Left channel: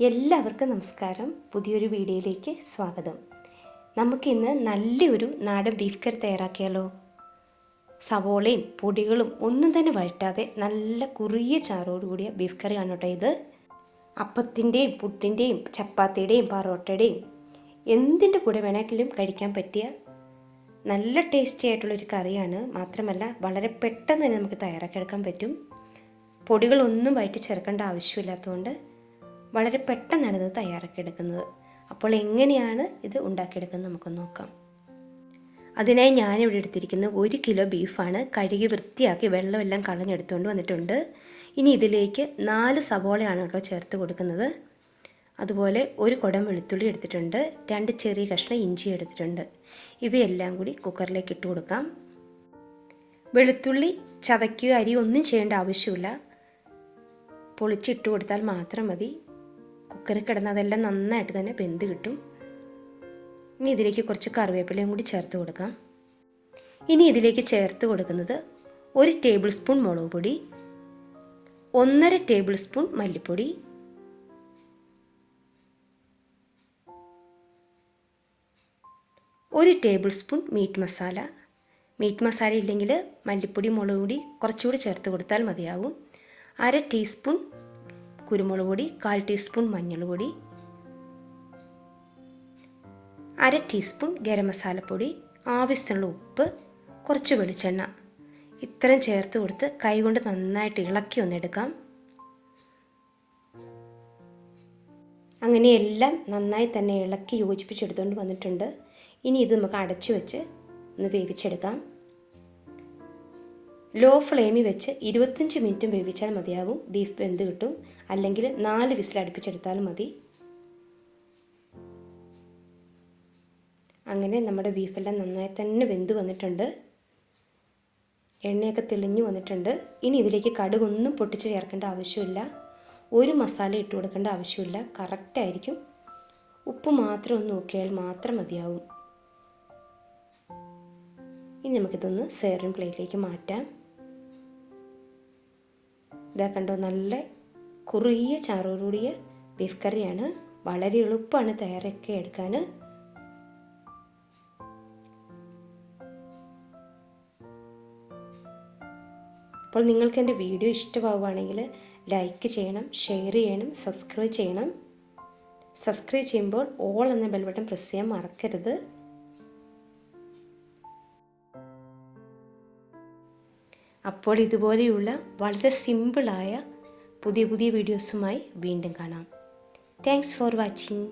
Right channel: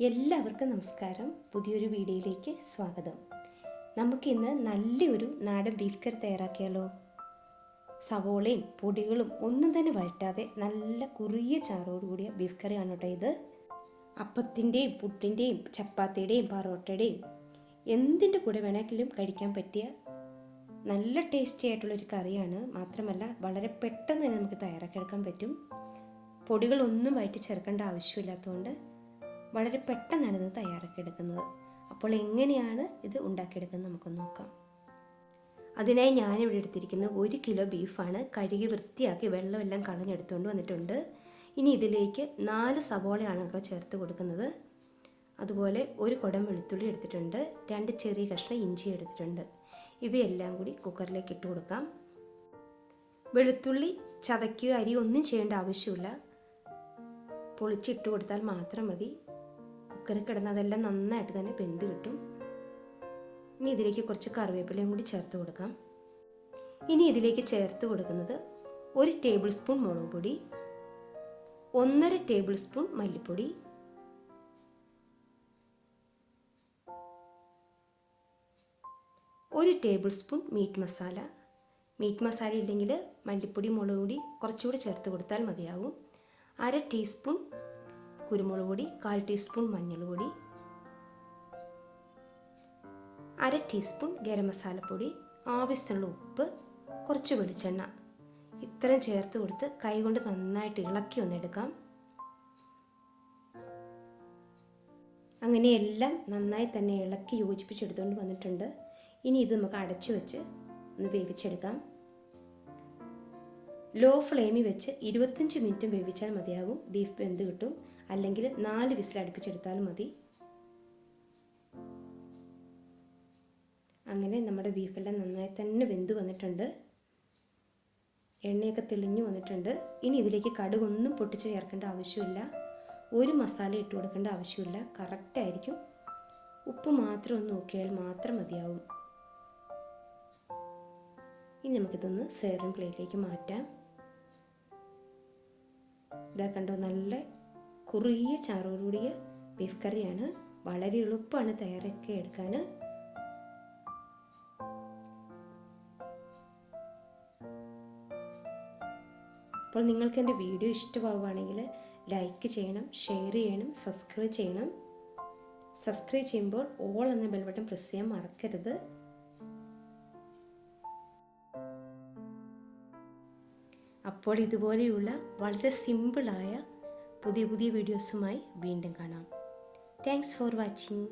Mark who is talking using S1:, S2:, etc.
S1: എല്ലാവർക്കും നമസ്കാരം. പുതിയൊരു വീഡിയോയിലേക്ക് സ്വാഗതം. നമുക്കിന്ന് നല്ലൊരു നാടൻ ബീഫ് കറി തയ്യാറാക്കിയാലോ? സവോളയും പൊടികളും ഒന്നും തന്നെ വഴറ്റാതെ നല്ല കുറിയ ചാറോട് കൂടിയ ബീഫ് കറിയാണ് കേട്ടോ ഇത്. അപ്പത്തിന്റെയും പുട്ടിന്റെയും ചപ്പാത്തിയുടെയും പറോട്ടയുടെയും എന്തിന്റെ കൂടെ വേണമെങ്കിലും കഴിക്കാൻ പറ്റിയ നല്ല ടേസ്റ്റി ആയിട്ടുള്ളൊരു കറിയാണ് മാത്രമല്ല വളരെ പെട്ടെന്ന് തന്നെ നമുക്ക് തയ്യാറാക്കിയെടുക്കാൻ പറ്റും. പൊടികളൊന്നും വഴറ്റി ചേർക്കേണ്ട ആവശ്യമില്ലാത്തതുകൊണ്ട് വളരെ പെട്ടെന്നാണ് ഇത് തയ്യാറാക്കിയെടുക്കുന്നത്. അപ്പോൾ എങ്ങനെയാണ് ഇത് ഉണ്ടാക്കിയെടുക്കുന്നത് നമുക്ക് നോക്കാം. അതിനായി ഞാനിവിടെ എടുത്തിരിക്കുന്നത് ഒരു കിലോ ബീഫാണ് കഴുകി വൃത്തിയാക്കി വെള്ളമെല്ലാം കളഞ്ഞെടുത്തുകൊണ്ട് വന്നിട്ടുണ്ട്. ഇനി ഇതിലേക്ക് നാല് സവോളയാണ് കേട്ടോ ചേർത്ത് കൊടുക്കുന്നത്. അതുപോലെ ഒരു കുടം വെളുത്തുള്ളി എടുത്തിട്ടുണ്ട് രണ്ട് ചെറിയ കഷ്ണം ഇഞ്ചി എടുത്തിട്ടുണ്ട്. ഇവയെല്ലാം കൂടി കുക്കറിലേക്ക് ഇട്ട് കൊടുക്കാം. വെളുത്തുള്ളി ചതയ്ക്കുക അരി ഒന്നും ചെയ്യേണ്ട ആവശ്യമില്ല. പൊളിച്ചിട്ട് കൊടുത്താൽ മാത്രം മതി. കുക്കറിൽ കിടന്ന് അതെല്ലാം നന്നായിട്ട് തന്നെ വെന്ത് കിട്ടും. ഇനി ഇതിലേക്ക് കുറച്ച് കറിവേപ്പിലയും കൂടി ചേർത്ത് കൊടുക്കാം. ഇനി ഇതിലേക്ക് ചേർത്ത് കൊടുക്കുന്നത് ഒരു ടേബിൾ സ്പൂൺ മുളക് പൊടി ഒന്നര ടേബിൾ സ്പൂൺ മല്ലിപ്പൊടി ഒരു tablespoon meat masala meat masala ഇല്ലെങ്കിൽ മല്ലിപ്പൊടി മുളക് പൊടി കുറച്ചുകൂടി ചേർത്ത് കൊടുത്താൽ മതിയാവും. അര ടീസ്പൂൺ കുരുമുളക് പൊടി കാൽ ടീസ്പൂൺ മഞ്ഞൾപ്പൊടി അര ടീസ്പൂൺ ഗരം മസാലപ്പൊടി ആവശ്യമുള്ള ഉപ്പ് കുറച്ച് വെളിച്ചെണ്ണ. ഇത്രയും ചേർത്ത് കൊടുത്ത് കൈകൊണ്ട് നന്നായിട്ട് ഇളക്കി ഒന്നെടുക്കാം അങ്ങനെ എല്ലാം നന്നായി തന്നെ ഇളക്കി യോജിപ്പിച്ചെടുത്തുകൊണ്ട് വന്നിട്ടുണ്ട്. ഇനി ഇത് നമുക്ക് അടച്ചു വെച്ച് ഒന്ന് വേവിച്ചെടുക്കാം. ലോ ഫ്ലെയിമിൽ വെച്ച് ഇരുപത്തഞ്ച് മിനിറ്റും വേവിച്ചാൽ മതിയാവും. ബീഫ് വെന്ത് കിട്ടും. അല്ലെങ്കിൽ നാല് വിസിൽ അടുപ്പിച്ചെടുത്താലും മതി. അങ്ങനെ നമ്മുടെ ബീഫെല്ലാം നന്നായി തന്നെ വെന്ത് വന്നിട്ടുണ്ട്. എണ്ണയൊക്കെ തെളിഞ്ഞു വന്നിട്ടുണ്ട്. ഇനി ഇതിലേക്ക് കടുകൊന്നും പൊട്ടിച്ച് ചേർക്കേണ്ട ആവശ്യമില്ല. ഒരു മസാല ഇട്ട് കൊടുക്കേണ്ട ആവശ്യമില്ല. കറക്റ്റായിരിക്കും ഉപ്പ് മാത്രം ഒന്ന് നോക്കിയാൽ മാത്രം മതിയാവും. ഇനി നമുക്കിതൊന്ന് സെയറിൻ പ്ലേറ്റിലേക്ക് മാറ്റാം. ഇതാ കണ്ടോ നല്ല കുറുകിയ ചാറോടുകൂടിയ ബീഫ് കറിയാണ് വളരെ എളുപ്പമാണ് തയ്യാറൊക്കെ എടുക്കാൻ അപ്പോൾ നിങ്ങൾക്ക് എന്റെ വീഡിയോ ഇഷ്ടമാവുകയാണെങ്കിൽ ലൈക്ക് ചെയ്യണം ഷെയർ ചെയ്യണം സബ്സ്ക്രൈബ് ചെയ്യണം. സബ്സ്ക്രൈബ് ചെയ്യുമ്പോൾ ഓൾ എന്ന ബെൽ ബട്ടൺ പ്രസ് ചെയ്യാൻ മറക്കരുത്. അപ്പോൾ ഇതുപോലെയുള്ള വളരെ സിമ്പിളായ പുതിയ പുതിയ വീഡിയോസുമായി വീണ്ടും കാണാം. Thanks for watching